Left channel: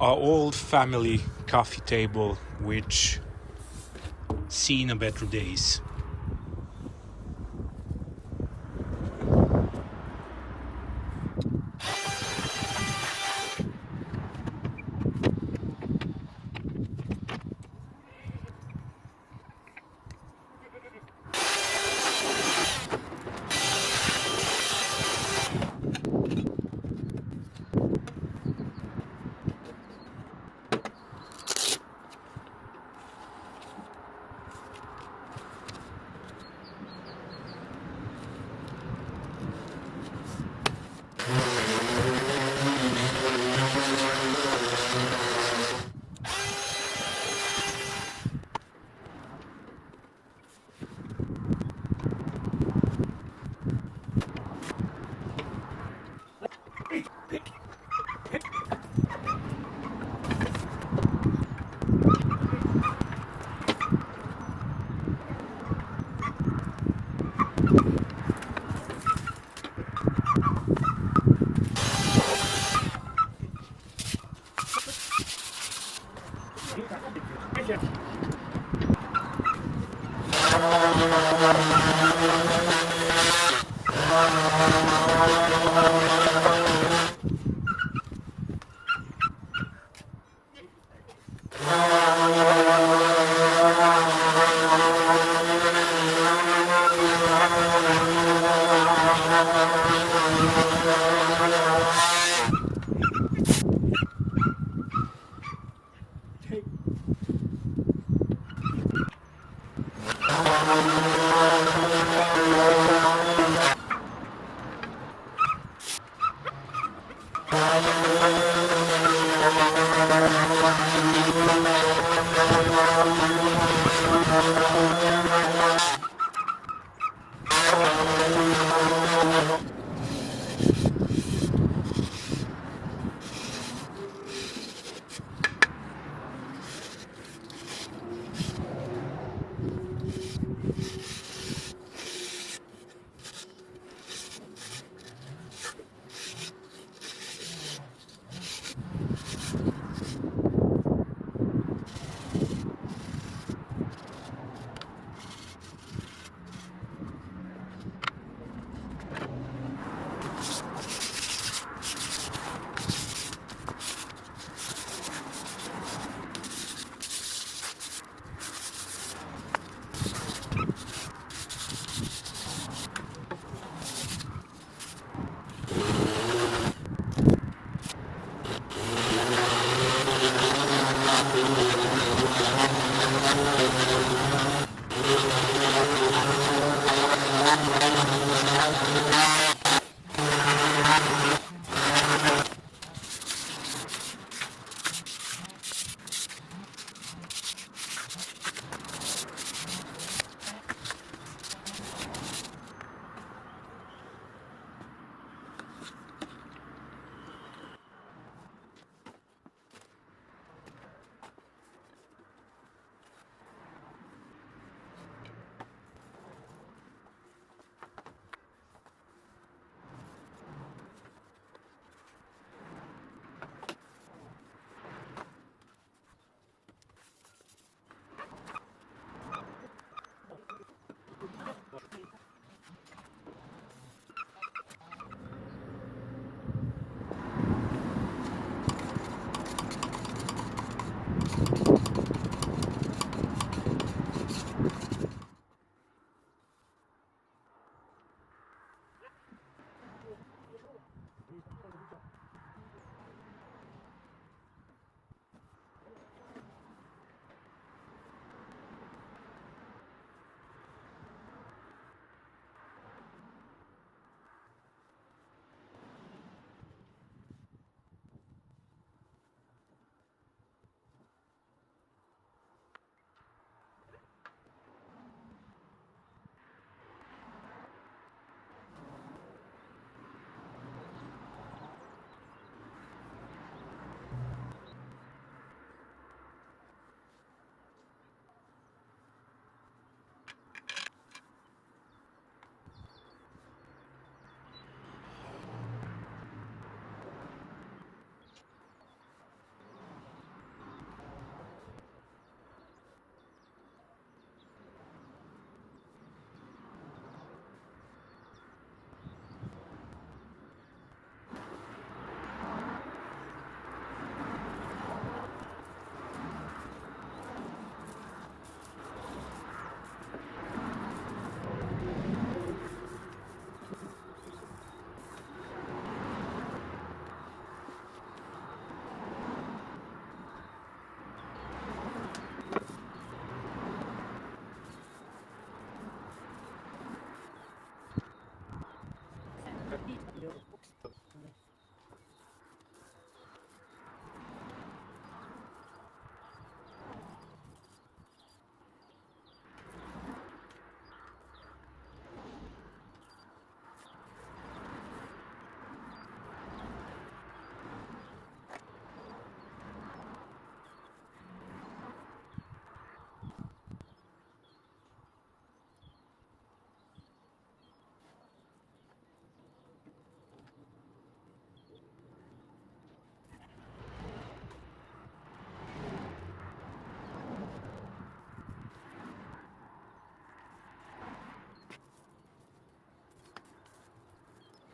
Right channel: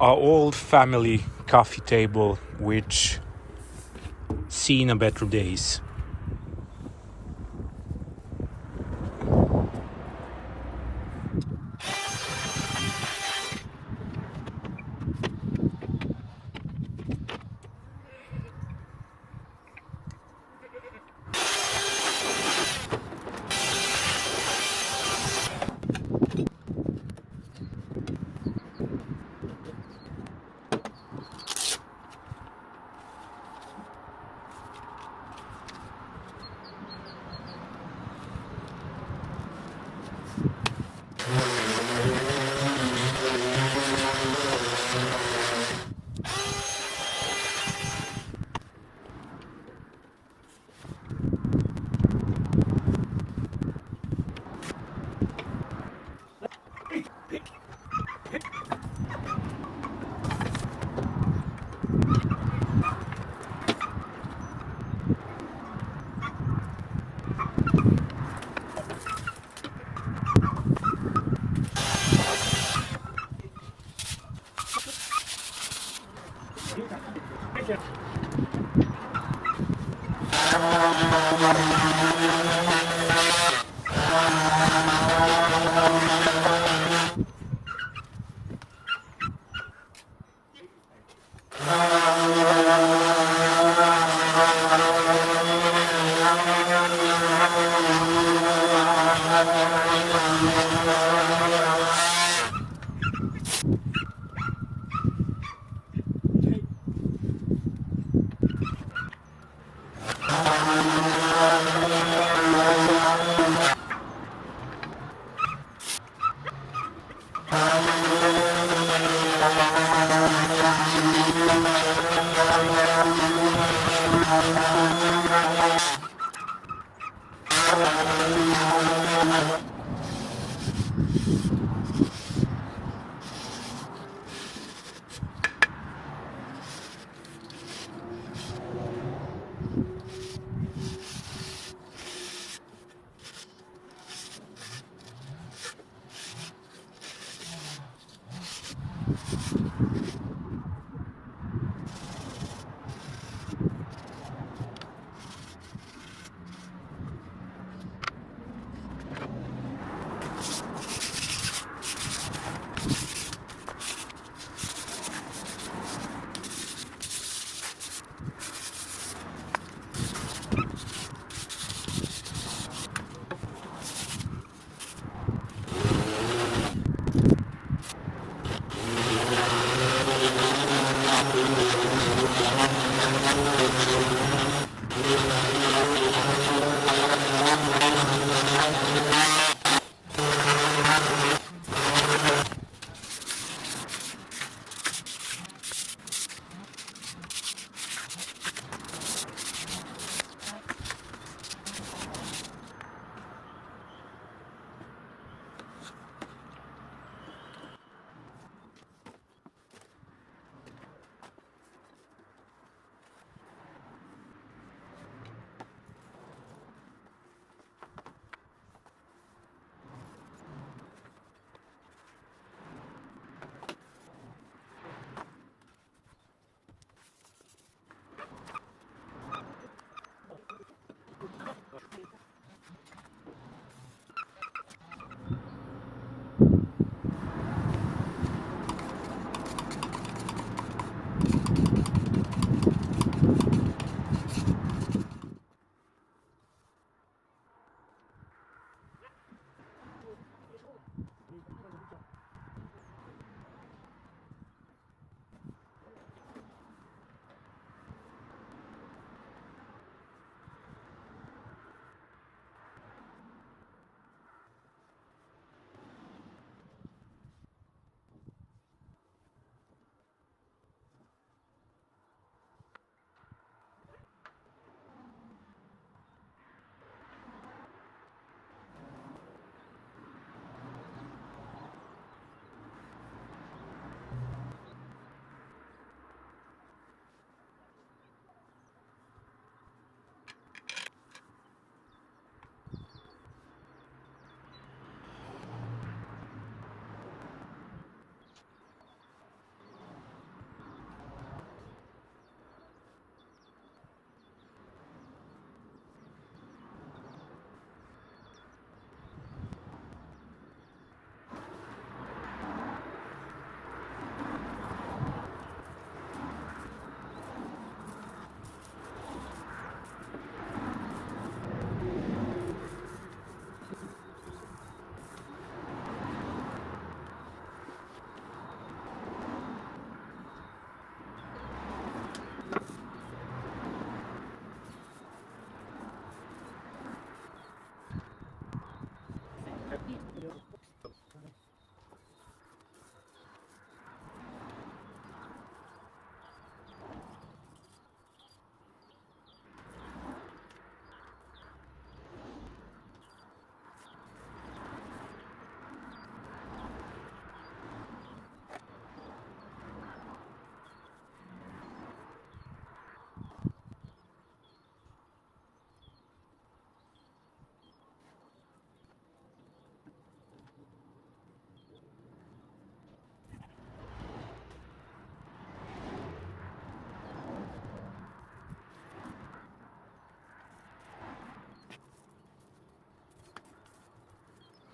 our old family coffee table, which seen a better days.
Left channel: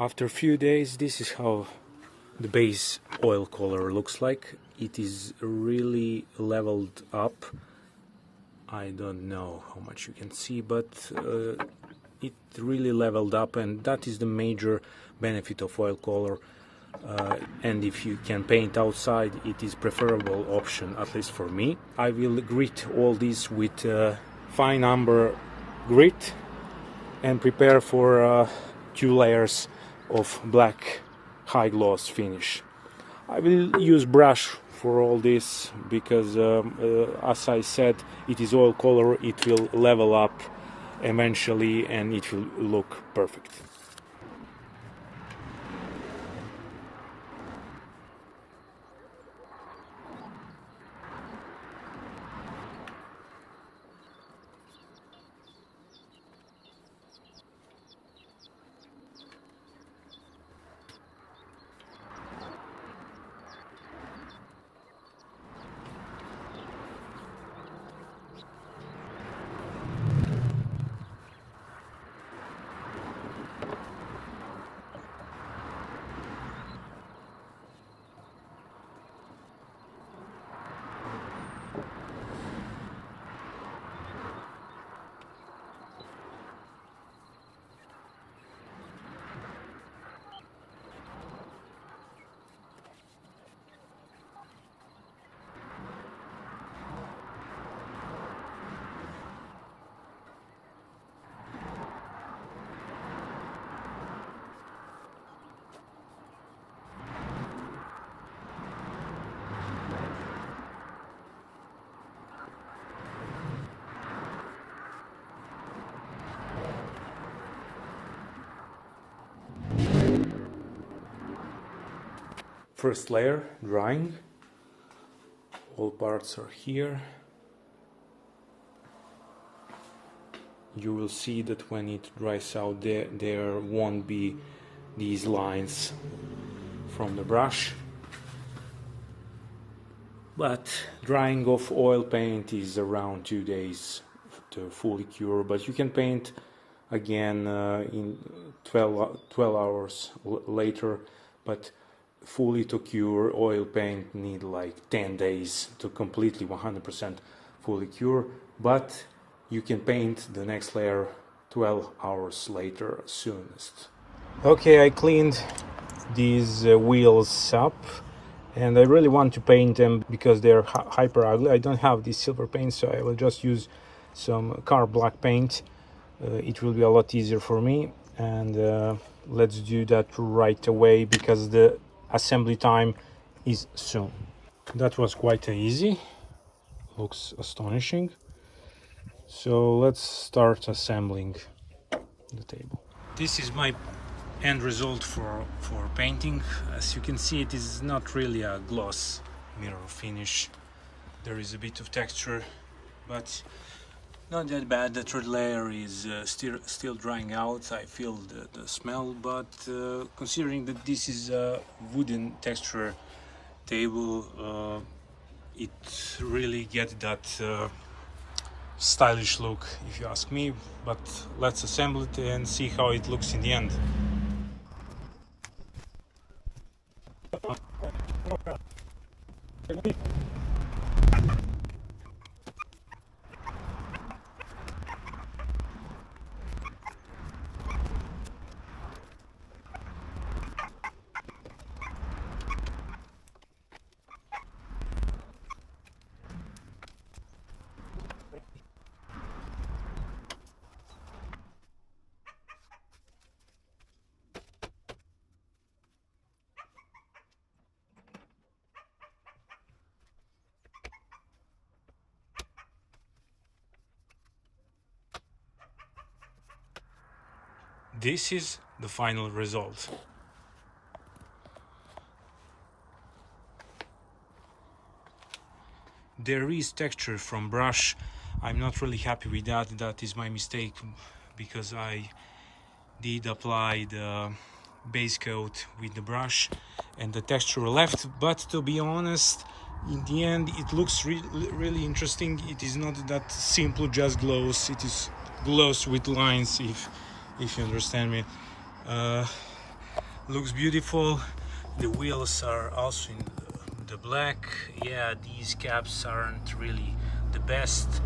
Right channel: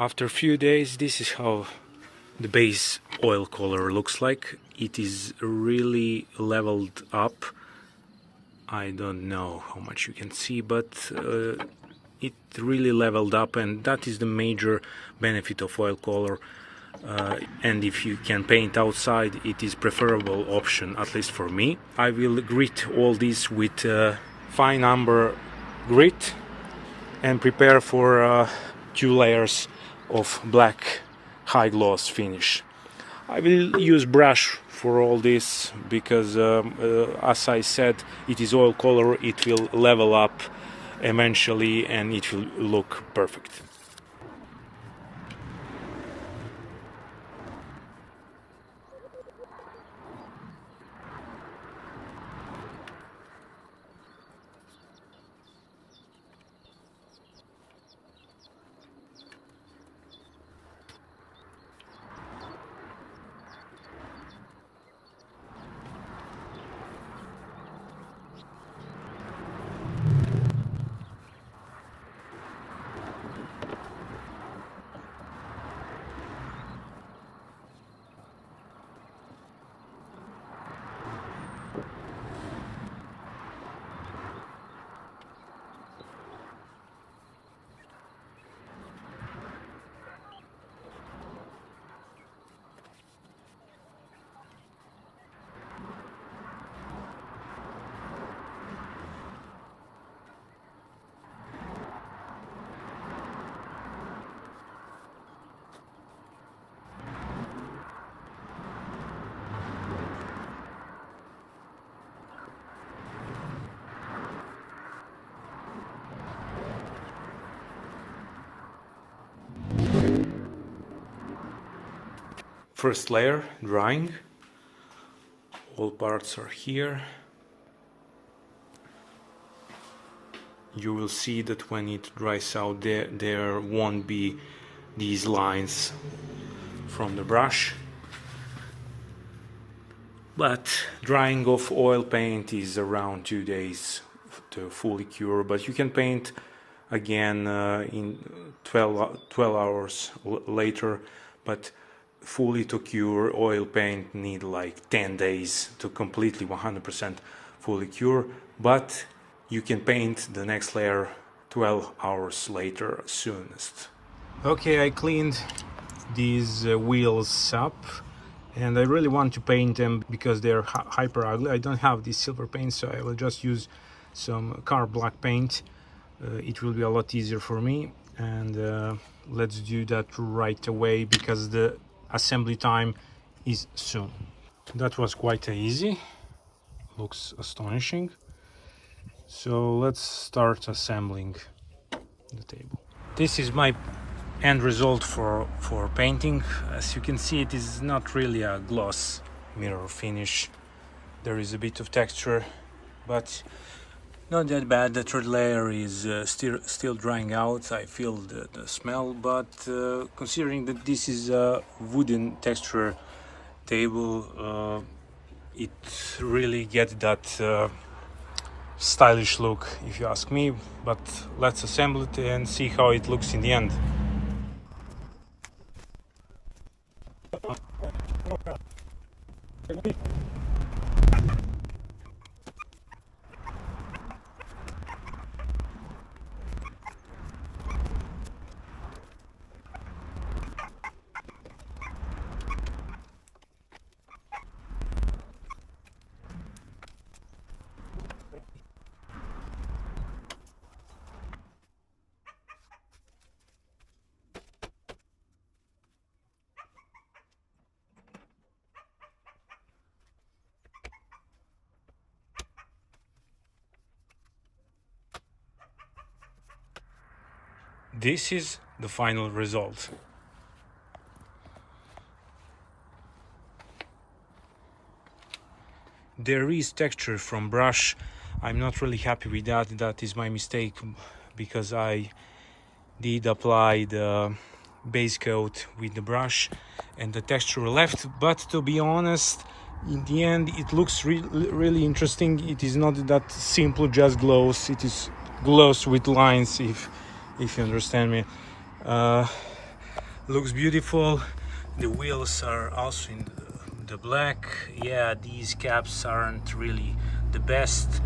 After a few days, this is how the base oil color looks like. It is really leveled up. I don't know how much you can see, but it really leveled up, and that is the major benefit of oil color. And if you can paint outside, it is preferable option, at least for me. I will grit all this with fine amber grit and prepare for 2 layers of black high gloss finish. I will use brush for all this because as I said, it is oil color, it will level up eventually and it will look perfect. First layer, drying. All parts are here. You will see that when it dries out, there won't be these lines from the brush. But drying of oil paint is around 2 days to fully cure, but you can paint again in 12 hours later, but fully to cure oil paint need like 10 days to completely 100% fully cure, but you can paint the next layer 12 hours later soonest. Okay, I cleaned these wheels up and I really want to paint them because they're hyper ugly. I don't have this silver paint, so I will just use some car black paint. It will be a lot easier for me, and let's do that right away because the assembly time is soon. That was quite easy, looks astonishing. So let's start assembling the table. This is my end result for painting. As you can see, it is not really a gloss mirror finish. There is a bit of texture, but not that bad. The third layer is still drying out. I feel the smell, but considering that this is a wooden texture table, it really gets that stylish look, if you ask me. But let's assemble it and see how it looks in the end. This is the final result. There is texture from brush. I'm not really happy with that. That is my mistake because I did apply the base coat with the brush and the texture left. But to be honest, in the end it looks really interesting. It is not that simple just gloss. It is gloss with lines, if you understand me. looks beautiful. The wheels are also in the black. Yeah, these caps aren't really the best.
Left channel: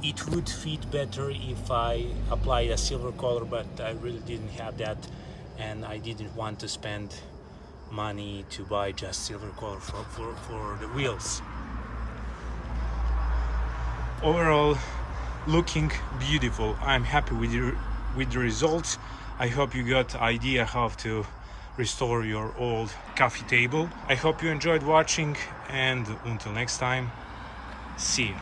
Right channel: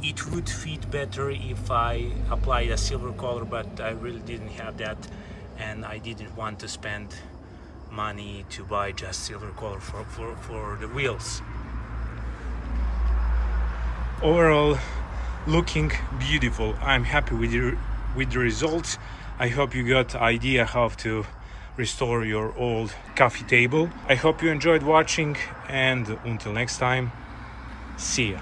It would fit better if I applied a silver color, but I really didn't have that, and I didn't want to spend money to buy just silver color for the wheels. Overall, looking beautiful. I'm happy with the results. I hope you got idea how to restore your old coffee table. I hope you enjoyed watching, and until next time, see ya.